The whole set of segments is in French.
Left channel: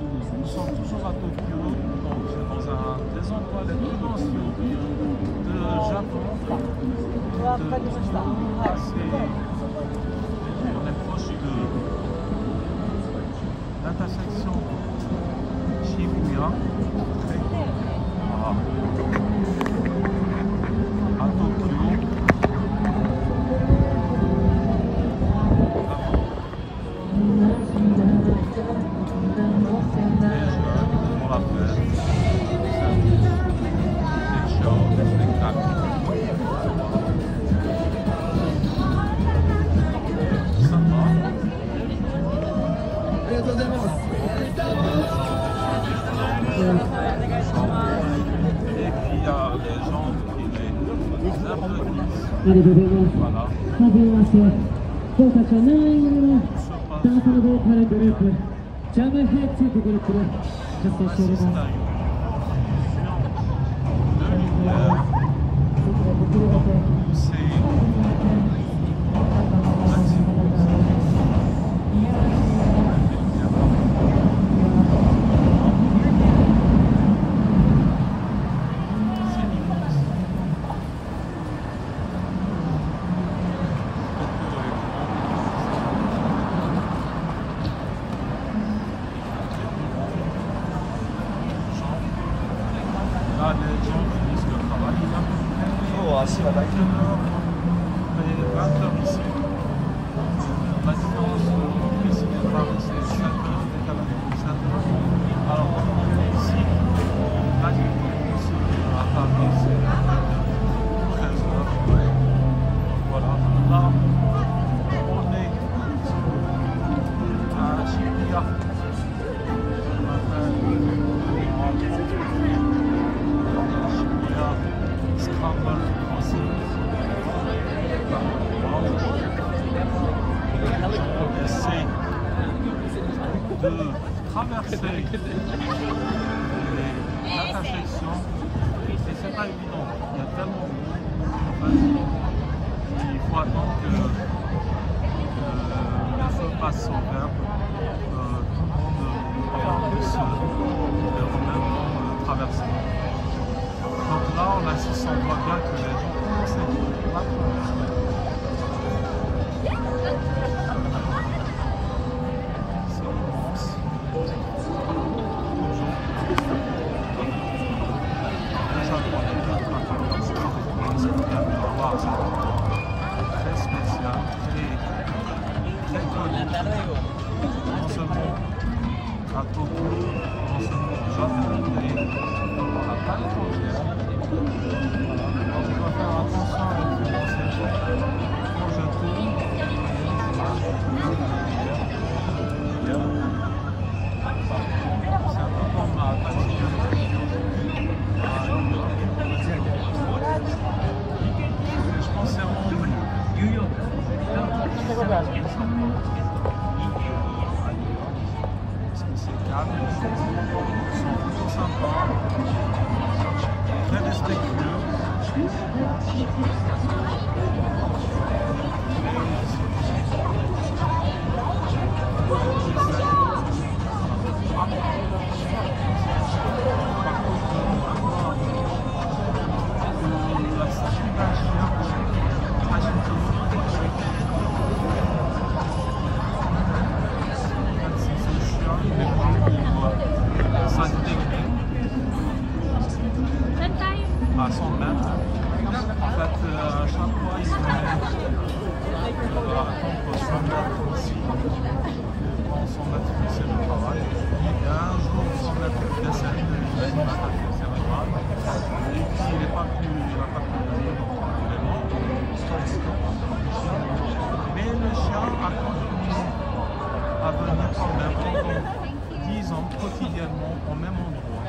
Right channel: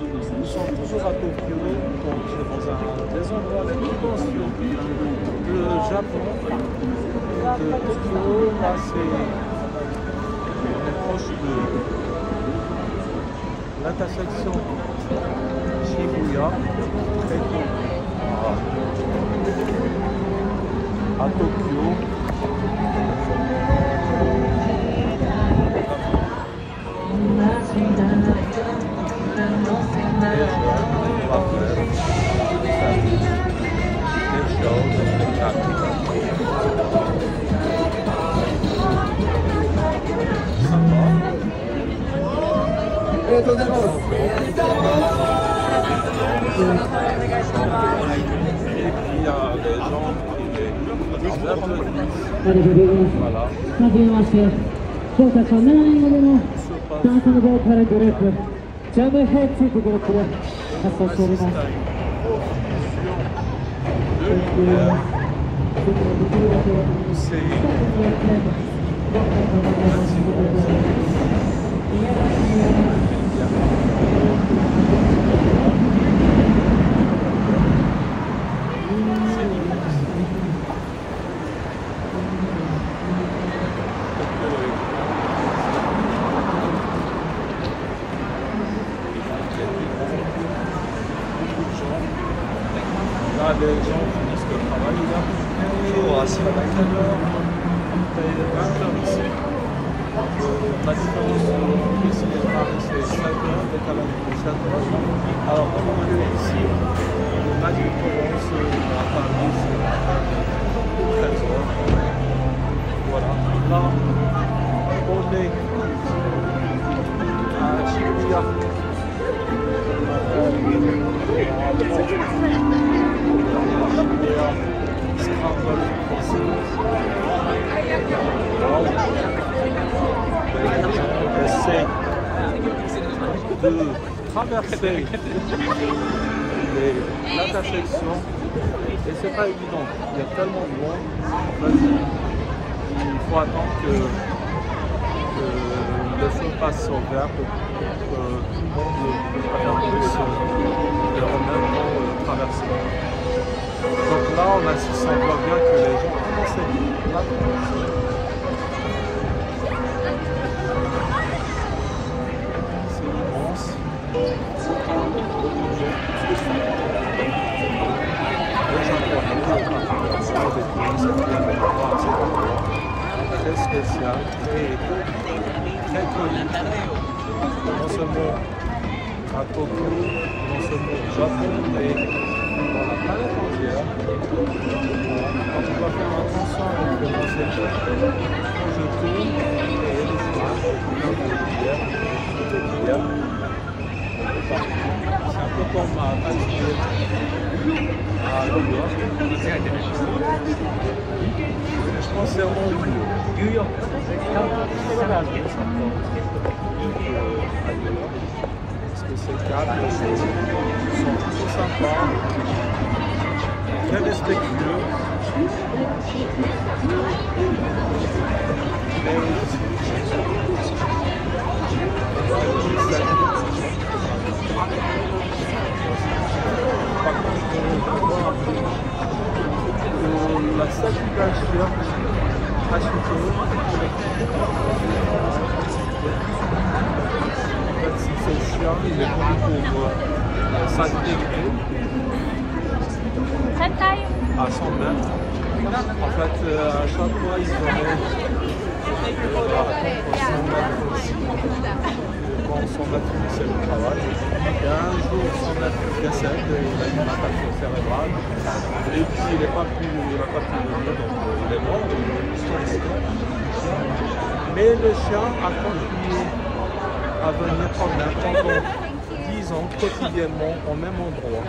Nous sommes toujours à Tokyo, donc dans un des endroits les plus denses de Japon et de Tokyo. Là, on est proche de l'intersection Shibuya, très connue à Tokyo. Les jeunes font la fête, ils s'amusent, des shows, des spectacles. Sympa. Et puis il y a les gens qui les applaudissent. Voilà. Là, les gens finissent le travail. Il y a à peu près 20 heures ici. La différence entre ici et Paris, c'est 7 heures, le décalage de 7 heures. Alors, pendant que ici, la différence à Paris, c'est à peine 13 heures. Voilà. Là, on est à Shibuya. Scramble Crossing. On essaie de traverser l'intersection et c'est pas évident. Il y a tellement de monde. En fait, il faut attendre que le feu passe au vert pour que tout le monde puisse en même temps traverser. Donc là, on assiste, on voit bien que les gens commencent à la traverser. C'est immense. Beaucoup de gens. Les Japonais, particulièrement, des touristes qui viennent voir cet endroit. Très spécial, très connu. Non seulement à Tokyo, non seulement au Japon, mais dans la planète entière. Voilà. Quand on doit faire attention avec le bon selfie, quand je tourne, vous voyez les images, plein de lumière, c'est un peu comme à Times Square à New York. Je pense que c'est vraiment mieux. New York, mieux qu'à New York. Parce que ces cadres sont plutôt sympas, très respectueux. Par contre, je vois la statue d'un chien, Hachiko. En fait, ce chien, il est connu pour sa fidélité à 100 mètres. En fait, à chaque fois, ils auraient attendre 100 mètres ici. Quand 100 mètres c'est le travail. Et un jour, 100 mètres décède, il a eu une attaque cérébrale. Et puis, il n'a pas pu venir, donc il est mort. Mais le chien a continué à venir quand même pendant 10 ans, quotidiennement, au même endroit.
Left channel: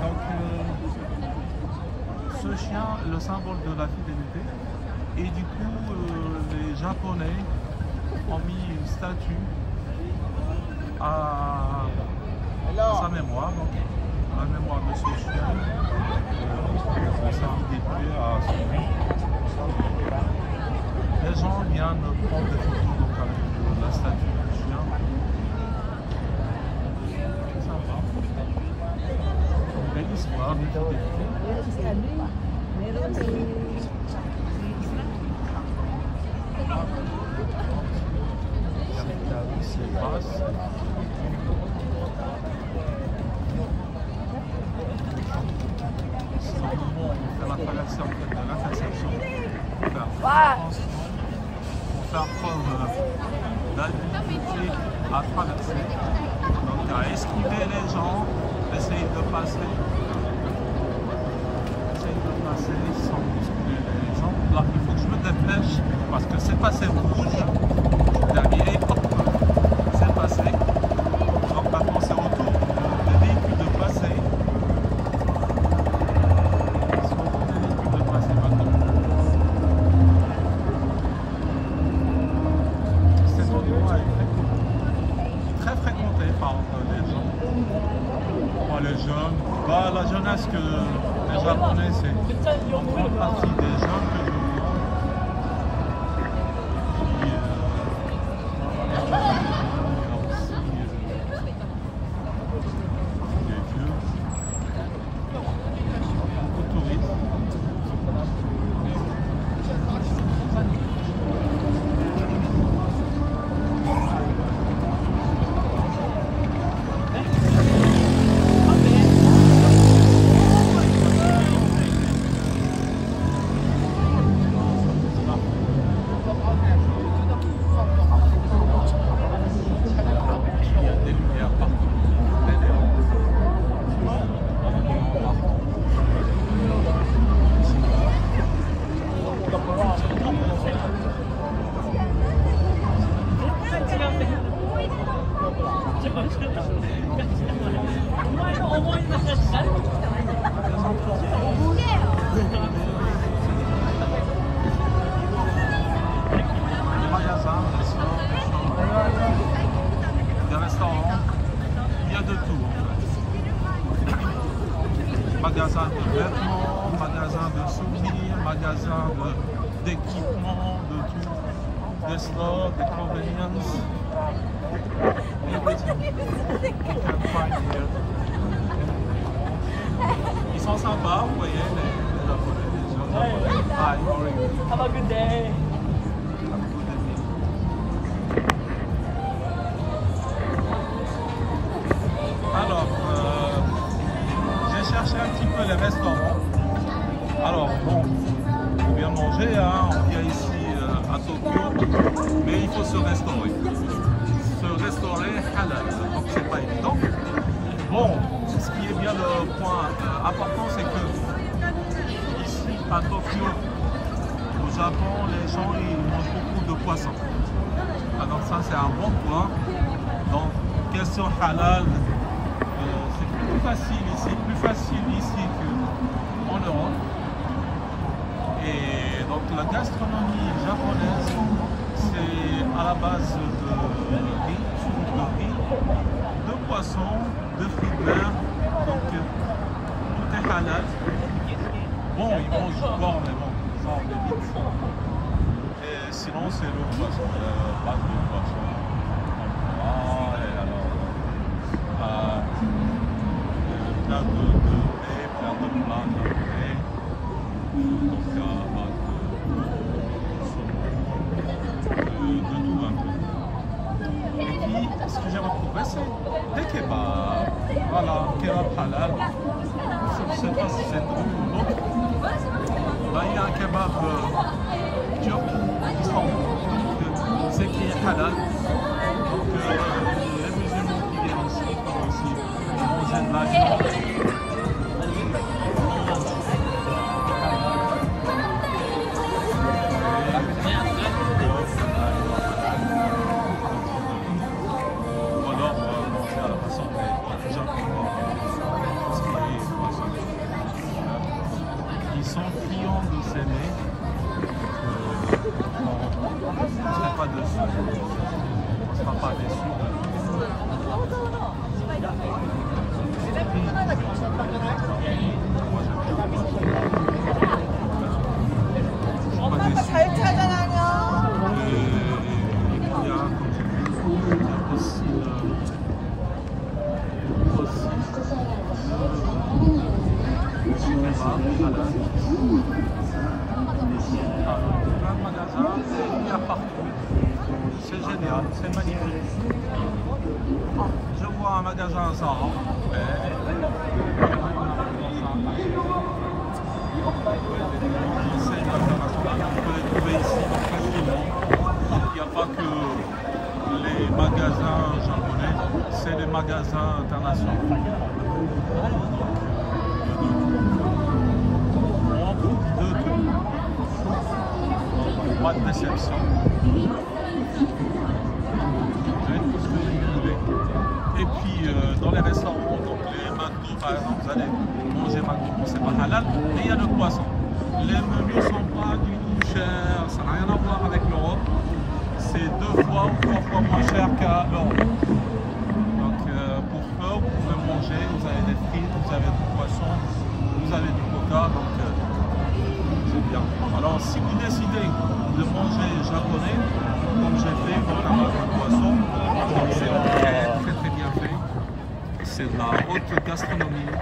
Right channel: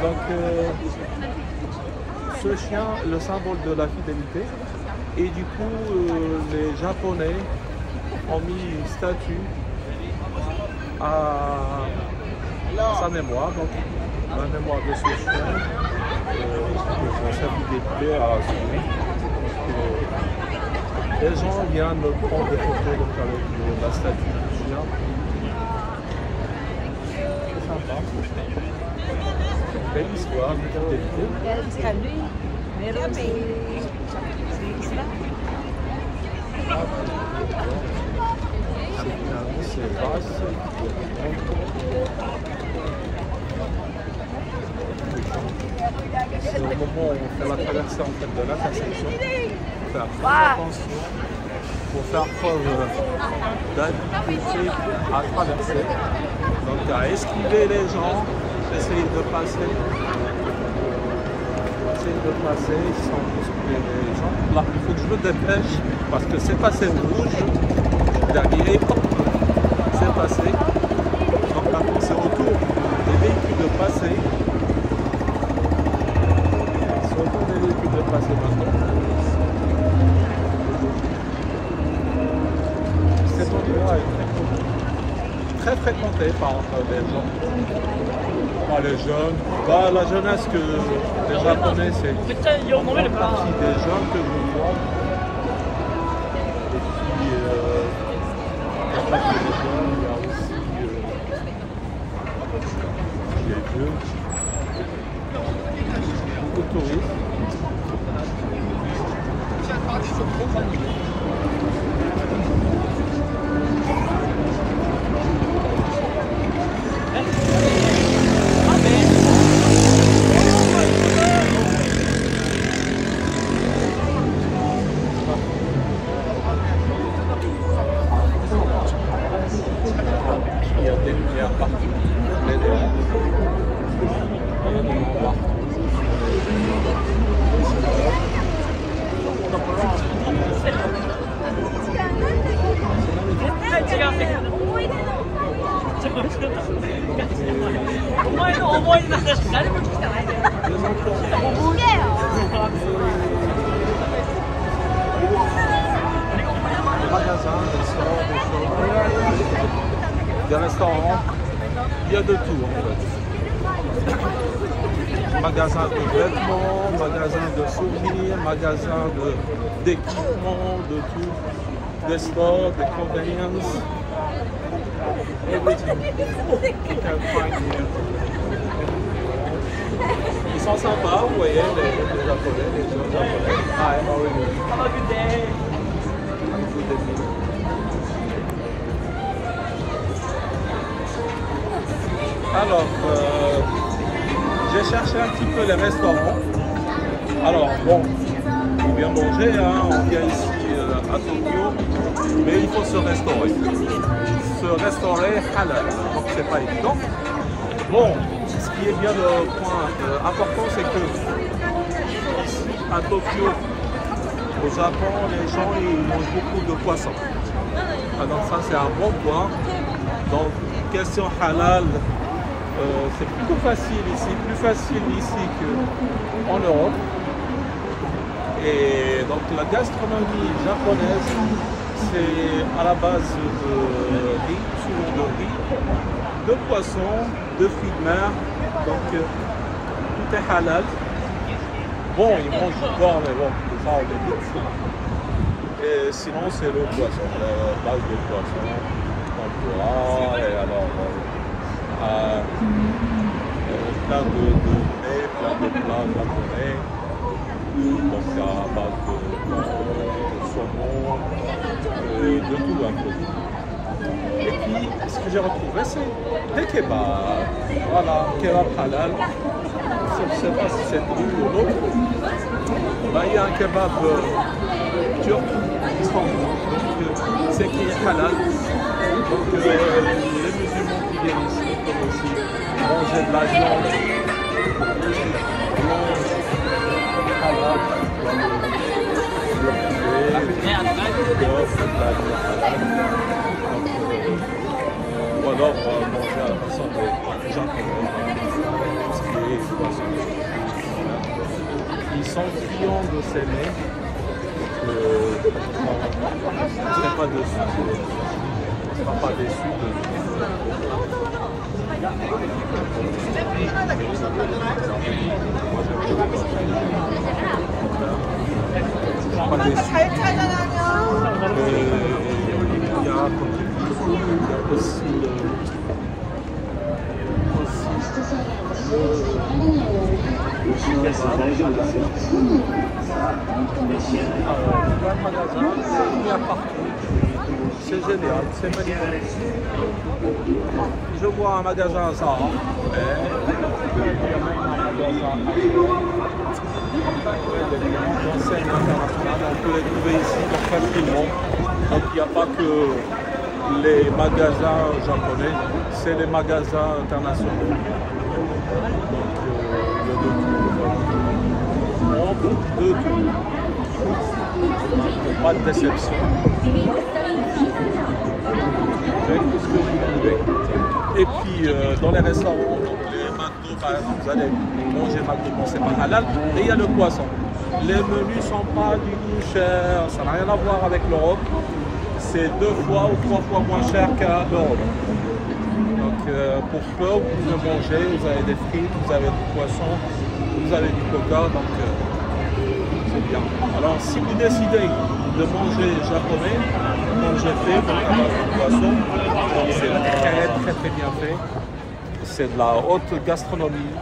Donc, ce chien, le symbole de la fidélité. Et du coup, les Japonais ont mis une statue à sa mémoire, donc la mémoire de ce chien, pour sa fidélité à son nom. Les gens viennent prendre des photos donc, avec la statue du chien. sympa. Une belle histoire de fidélité. C'est pas et au moment où on fait la traversée en fait, de l'intersection, il faut faire très attention pour faire preuve d'habileté à traverser. Donc à esquiver les gens, essayer de passer. Sans bousculer les gens. Là, il faut que je me dépêche parce que c'est passé au rouge. Dernier, hop, c'est passé. Donc maintenant c'est au tour des véhicules de passer. C'est au tour des véhicules de passer maintenant. Cet endroit est très fréquenté par les gens. Par les jeunes. Bah, la jeunesse que les Japonais, c'est en grande partie des jeunes que je vois. Et puis, il n'y a pas que les jeunes, il y a aussi les vieux. Beaucoup de touristes. Ils sont trop animés. Il y a des lumières partout, les néons. Il y a des néons partout. Des magasins, des stores, des shops, des restaurants, il y a de tout en fait. Magasins de vêtements, magasins de souvenirs, magasins d'équipements, de tout, des stores, des convenience, everything you can find here. Ils sont sympas, vous voyez, les Japonais, les jeunes Japonais. Hi, how are you? Have a good day. Have a good day. Alors, j'ai cherché un petit peu les restaurants. Alors, bon, on vient manger, hein, on vient ici à Tokyo, mais il faut se restaurer. Se restaurer halal, donc c'est pas évident. Bon, ce qui est bien le point important, c'est que ici à Tokyo, au Japon, les gens ils mangent beaucoup de poissons. Ah, donc ça c'est un bon point. Donc question halal, c'est plutôt facile ici, plus facile ici qu'en Europe. Et donc la gastronomie japonaise, c'est à la base de riz, souvent de riz, de poisson, de fruits de mer, donc tout est halal. Bon, ils mangent du porc, mais bon, ça on l'évite. Et sinon c'est le poisson, la base de poisson, tempura, et alors plein de mets, plein de plats japonais, donc à base de thon, de saumon, de tout un peu. Et puis, ce que j'ai retrouvé, c'est des kebabs. Voilà, kebab halal. Je ne sais pas si c'est une ou l'autre. Il y a un kebab turc, Istanbul, donc c'est qui est halal. Donc les musulmans qui viennent ici peuvent aussi manger de la viande blanche, halal, soit le poulet, le bœuf, de la viande halal. Donc, ou alors manger à la façon des Japonais, ce qui est poisson. Ils sont friands de s'aimer, on ne serait pas dessus, on ne sera pas déçu de moi j'aime bien le poisson. Je ne suis pas déçu. Et il y a, comme j'ai dit, il y a aussi Alors, plein de magasins, il y a partout. C'est génial, c'est magnifique. Je vois un magasin Zara, il y a même un magasin H&M. Ouais, des grandes enseignes internationales, on peut les trouver ici donc facilement. Donc il n'y a pas que les magasins japonais, c'est les magasins internationaux. Donc il y a de tout. On trouve de tout. Donc pas de déception. Tout ce que vous voulez. Et puis dans les restaurants, donc les McDo par exemple, vous allez manger McDo, bon c'est pas halal, mais il y a le poisson. Les menus sont pas du tout chers, ça n'a rien à voir avec l'Europe. C'est 2 fois ou 3 fois moins cher qu'à l'Europe. Donc pour peu, vous pouvez manger, vous avez des frites, vous avez du poisson, vous avez du coca, donc c'est bien. Alors si vous décidez de manger japonais, manger fait, donc à base de poisson, donc c'est très bien fait. C'est de la haute gastronomie,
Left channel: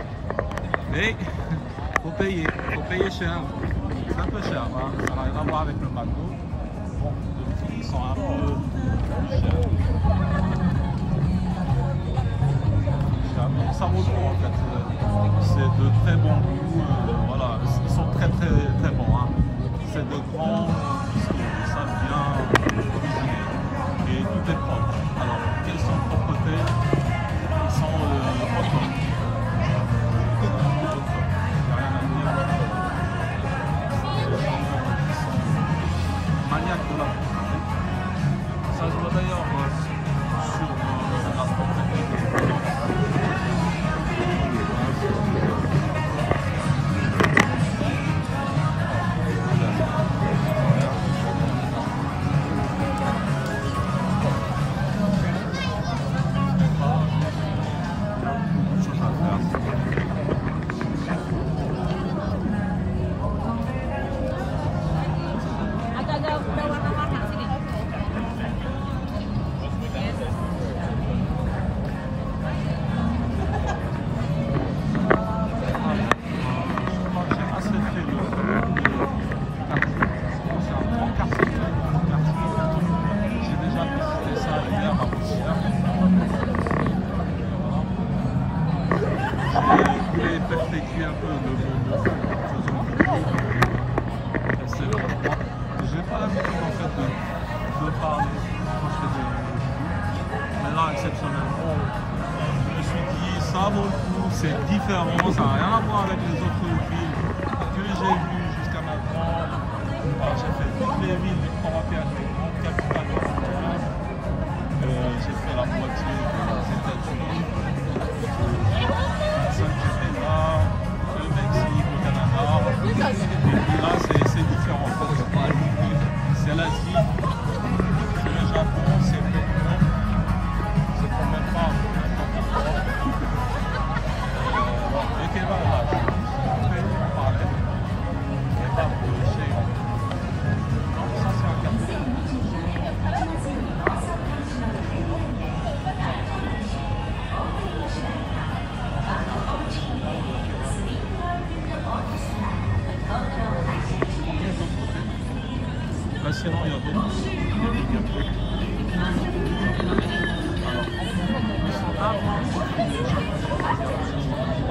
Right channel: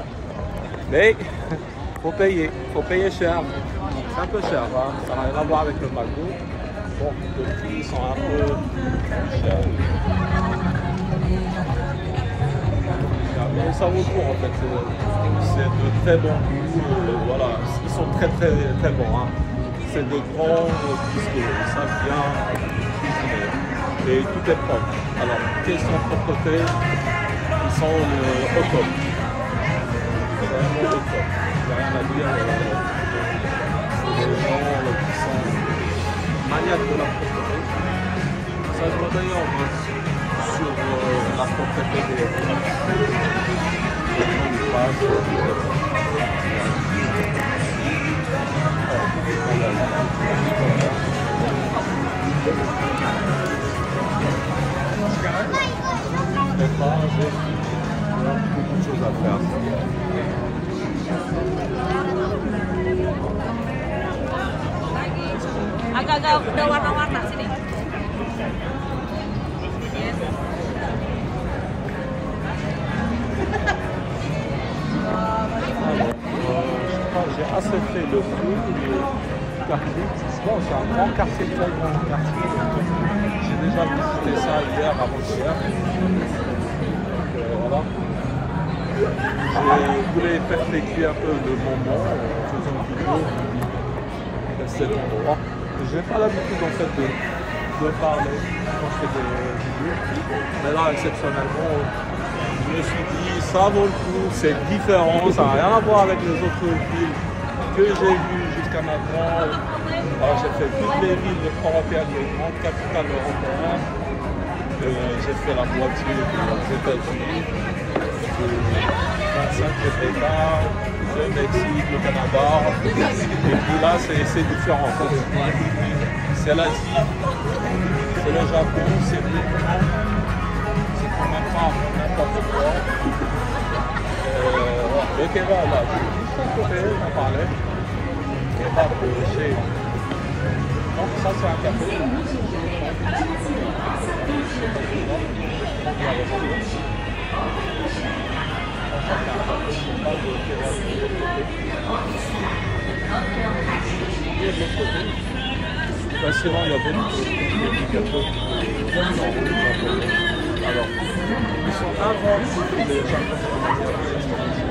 mais faut payer cher. C'est un peu cher, hein? Ça n'a rien à voir avec le McDo. Bon, les prix sont un peu chers. Mais ça vaut le coup en fait. C'est de très bon goût. Voilà, ils sont très bons. Hein. C'est de grands biscuits, ça vient et tout est propre. Alors, question de propreté, ils sont au top. C'est vraiment au top. Il n'y a rien à dire. C'est des gens qui sont maniaques de la propreté. Ça se voit d'ailleurs sur la propreté des il y a beaucoup de choses à faire. J'ai assez fait le tour du quartier. Bon, c'est un grand quartier, très grand quartier. J'ai déjà visité ça hier, avant-hier. Voilà. Je voulais perpétuer un peu le moment en faisant une vidéo de cet endroit. J'ai pas l'habitude en fait de parler quand je fais des vidéos. Mais là, exceptionnellement, je me suis dit, ça vaut le coup, c'est différent, ça n'a rien à voir avec les autres villes que j'ai vues jusqu'à maintenant. Alors j'ai fait toutes les villes européennes, les grandes capitales européennes. J'ai fait la moitié des États-Unis, de 25 États, le Mexique, le Canada. Et puis là, c'est différent en fait. C'est l'Asie, c'est le Japon, c'est le Japon. C'est quand même pas n'importe quoi. Voilà. Le kebab là, juste à côté, j'en parlais. Kebab chez. Donc ça c'est un café. Sinon, il y a d'autres restaurants. Alors, ils sont inventifs, les Japonais en matière de gastronomie.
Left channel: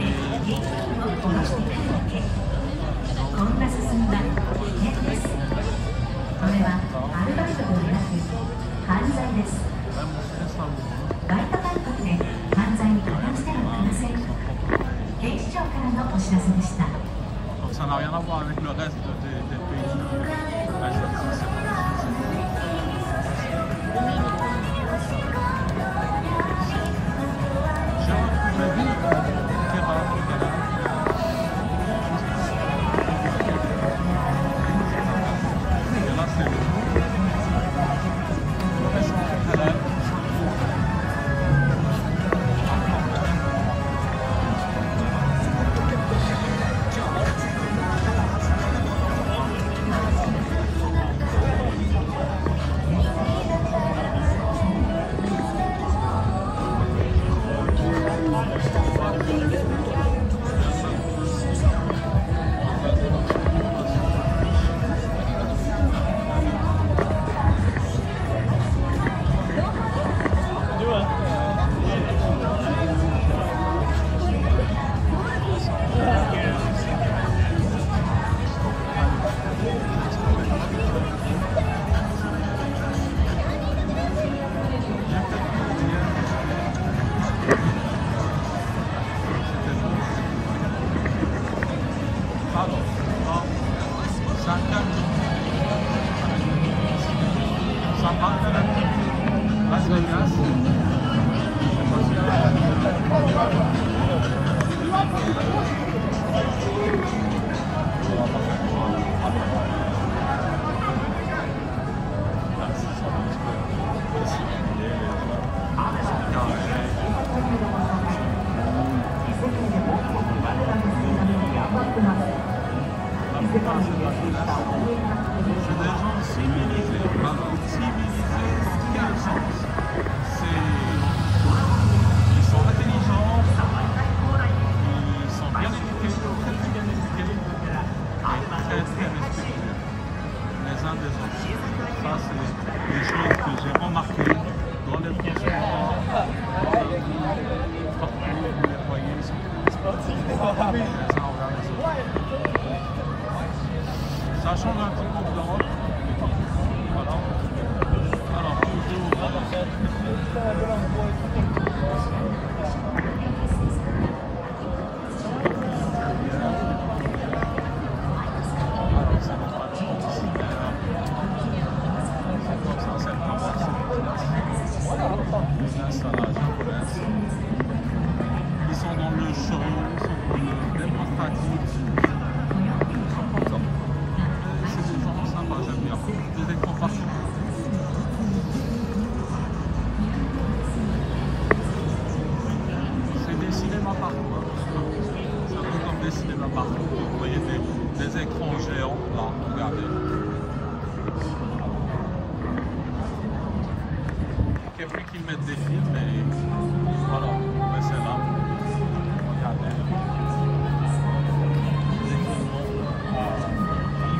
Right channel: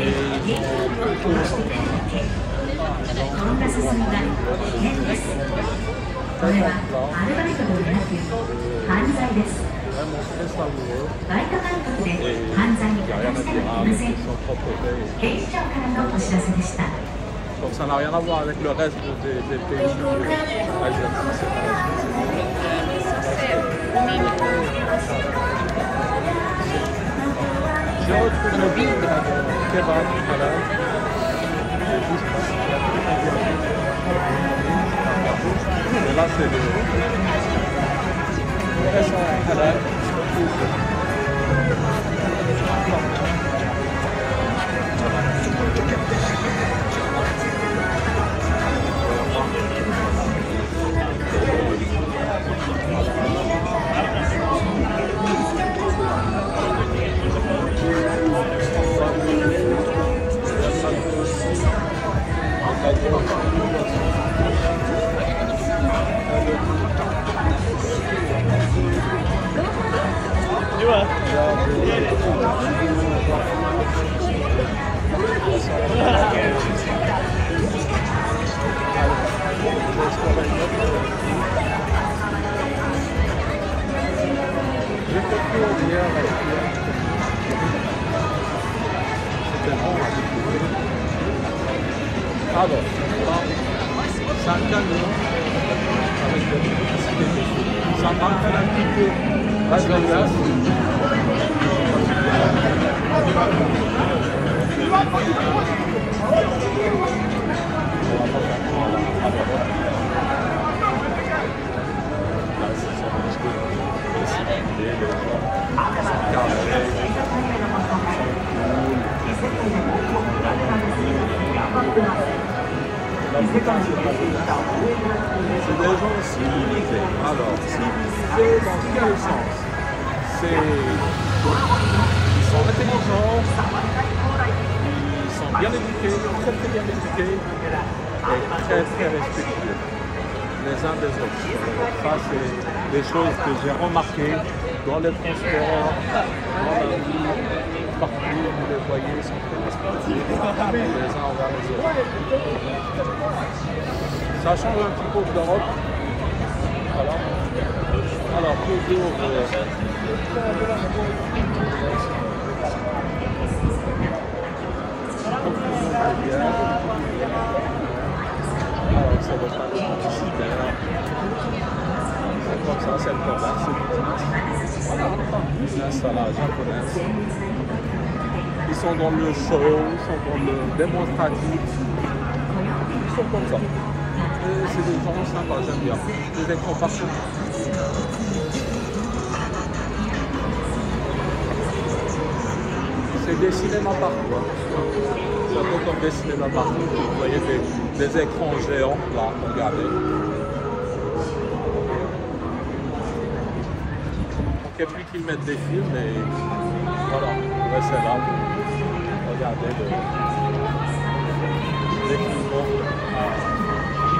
Et ils tellement plat, vraiment très savoureux. Et il n'y a rien à dire, hein, la question de propreté. Donc ça n'a rien à voir avec le reste des pays asiatiques, c'est pas la Chine, c'est j'ai retrouvé le kebab halal. Juste et là c'est le restaurant halal qui se retrouve sur un corner. J'ai fait le tour hier. C'était bon à découvrir. Alors, là, c'est un camion avec des publicités dessus. Ça m'appelle un petit peu Las Vegas. Je sais pas si vous on va pas faire ça là. Alors, là, c'est ça, parce que les gens sont carrés, sont cool. La plupart des magasins, c'est des gens civilisés. Alors, civilisés dans quel sens? Ils sont intelligents, ils sont bien éduqués, très bien éduqués et très respectueux les uns des autres. Ça, c'est les choses que j'ai remarquées dans les transports, dans la rue, partout, vous les voyez, ils sont très respectueux les uns envers les autres. Ça change un petit peu de l'Europe. Voilà. Alors, toujours alors, c'est les panneaux publicitaires. C'est comme ça, c'est le commerce. Business à la japonaise. Ils sont dans le show, ils sont dans le démonstratif. Ils sont comme ça. Et c'est des gens sympas, j'aime bien. Des écrans partout. C'est des cinémas partout. Hein. C'est un peu comme des cinémas partout. Vous voyez des écrans géants, là, regardez. Il manquait plus qu'ils mettent des films et voilà, vous restez là pour regarder les films,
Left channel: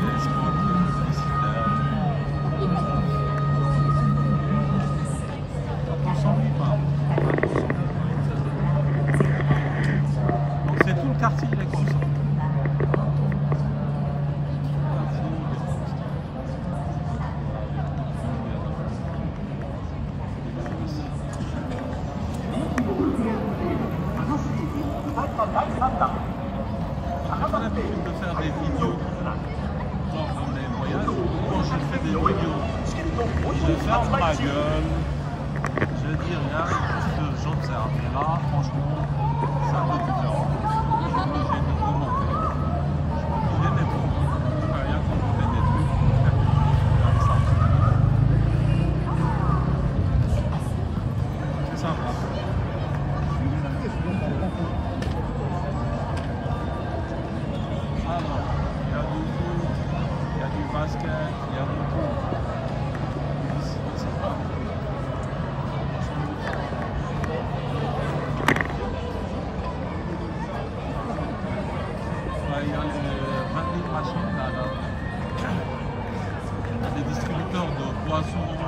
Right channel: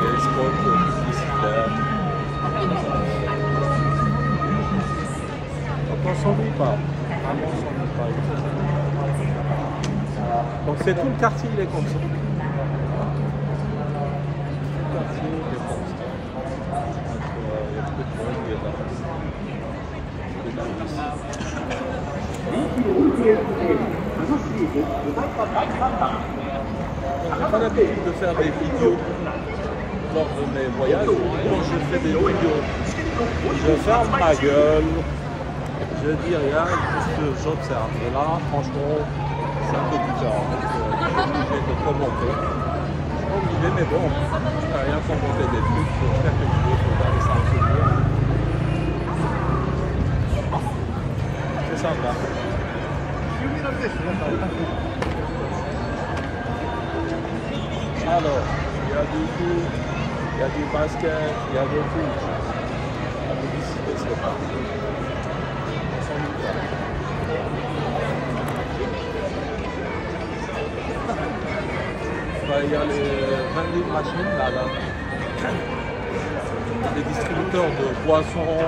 les spots publicitaires. Donc on s'ennuie pas, vraiment on s'ennuie pas. Donc c'est tout le quartier, il est comme ça. Tout le quartier, il est comme ça. Donc il y a beaucoup de monde qui est là. Des touristes. Donc j'ai pas l'habitude de faire des vidéos lors de mes voyages. Quand je fais des vidéos, je ferme ma gueule, je dis rien, juste j'observe. Et là, franchement, c'est un peu différent. Je suis obligé de commenter. Pas obligé, mais bon, rien commenter des trucs pour faire quelque chose, pour garder ça en souvenir. C'est sympa. Alors, il y a du foot, il y a du basket, il y a de tout. La publicité, c'est partout. On s'ennuie pas. Il y a les vending machines là. Les distributeurs de boissons,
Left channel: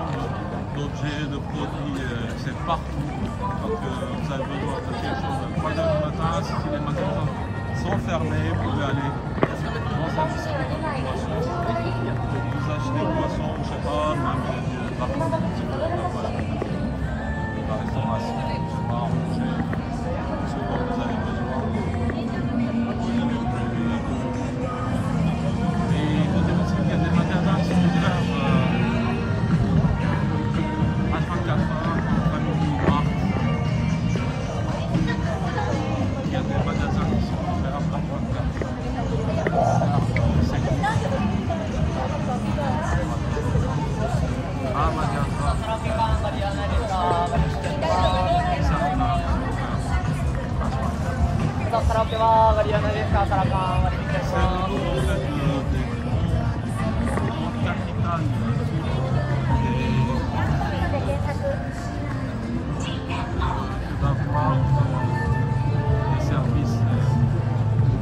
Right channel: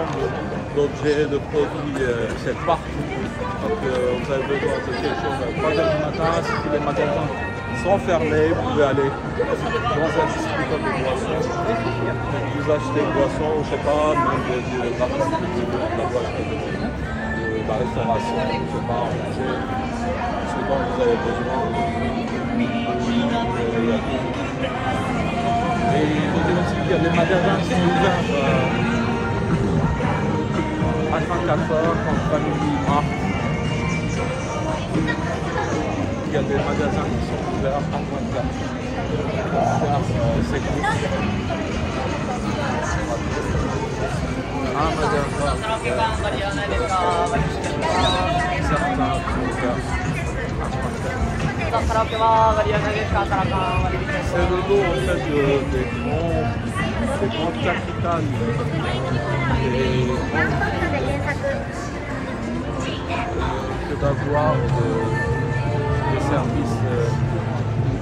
d'objets, de produits, c'est partout. Donc vous avez besoin de quelque chose à 3 h du matin, si les magasins sont fermés, vous pouvez aller dans un distributeur de boissons, vous achetez des boissons, je sais pas, même de la boisson, de la restauration, je sais pas, manger, ce dont vous avez besoin. Et il faut dire aussi qu'il y a des magasins qui sont ouverts H24 heures, comme Family Mart. Il y a des magasins qui sont ouverts H24 pour faire ses courses. Un magasin ouvert, des restaurants, certains sont ouverts H24. C'est le lot en fait des grandes capitales, des grandes villes, que d'avoir des services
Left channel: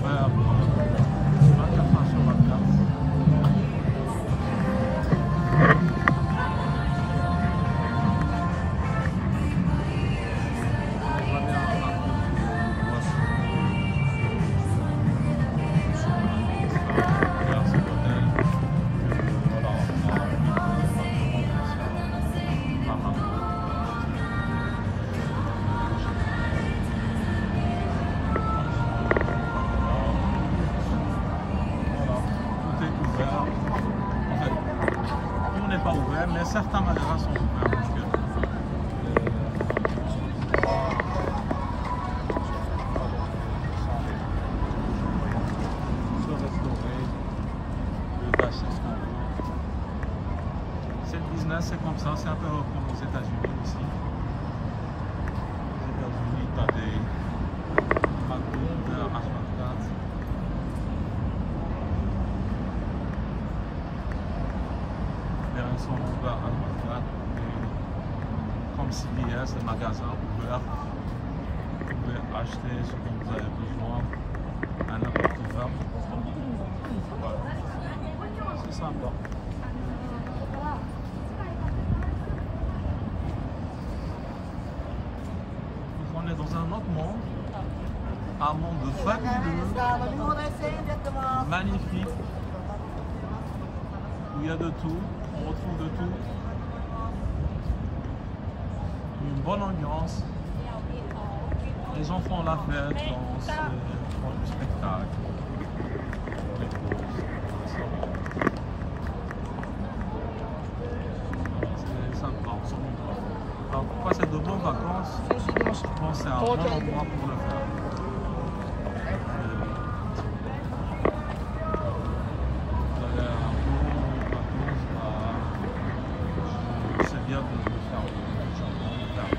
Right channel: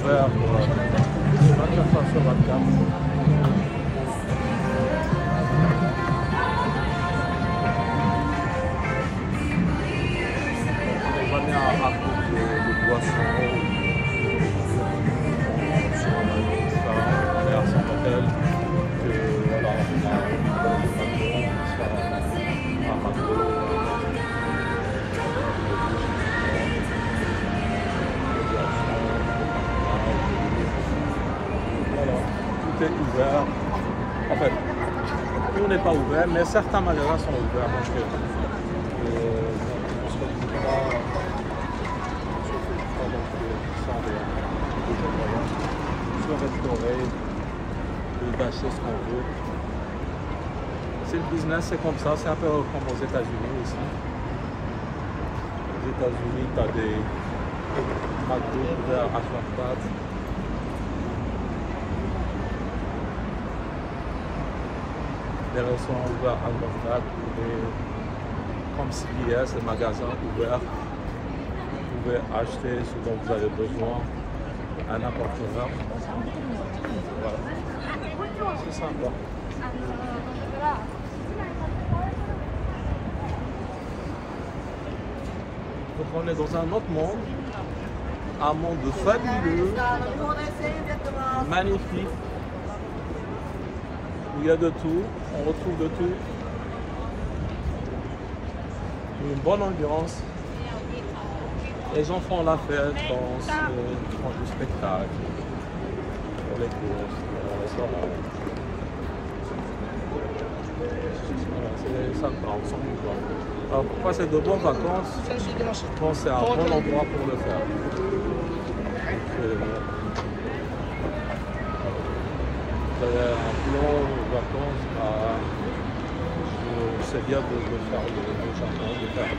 ouverts 24 heures sur 24. On va bien à de boissons. n'est pas ouvert, mais certains magasins sont ouverts. Donc, se restaurer, d'acheter ce qu'on veut. C'est le business, c'est comme ça, c'est un peu comme aux États-Unis aussi. Aux États-Unis, tu as des McDo ouverts à 24. Des restaurants ouverts à 24, comme CVS, des magasins ouverts. Vous pouvez acheter ce dont vous avez besoin à n'importe quelle heure. Voilà. C'est sympa. Donc on est dans un autre monde, un monde fabuleux, magnifique, où il y a de tout, on retrouve de tout, une bonne ambiance, les gens font la fête, dansent, font du spectacle, font les courses, font les restaurants. Voilà, c'est sympa, on s'ennuie pas. Alors pour passer de bonnes vacances, je pense que c'est un bon endroit pour le faire. Vous avez un plan de vacances, c'est bien de faire le Japon, de faire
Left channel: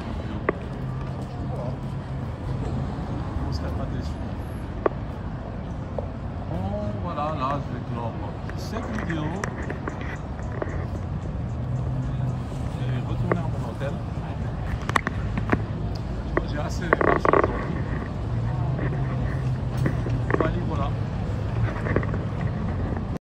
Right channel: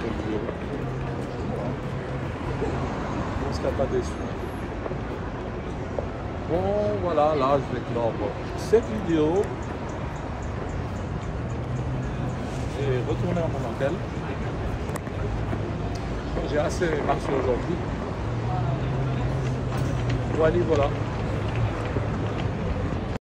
Tokyo. On ne serait pas déçu. Bon voilà, là je vais clore cette vidéo. Je vais retourner à mon hôtel. J'ai assez marché aujourd'hui. Voilà.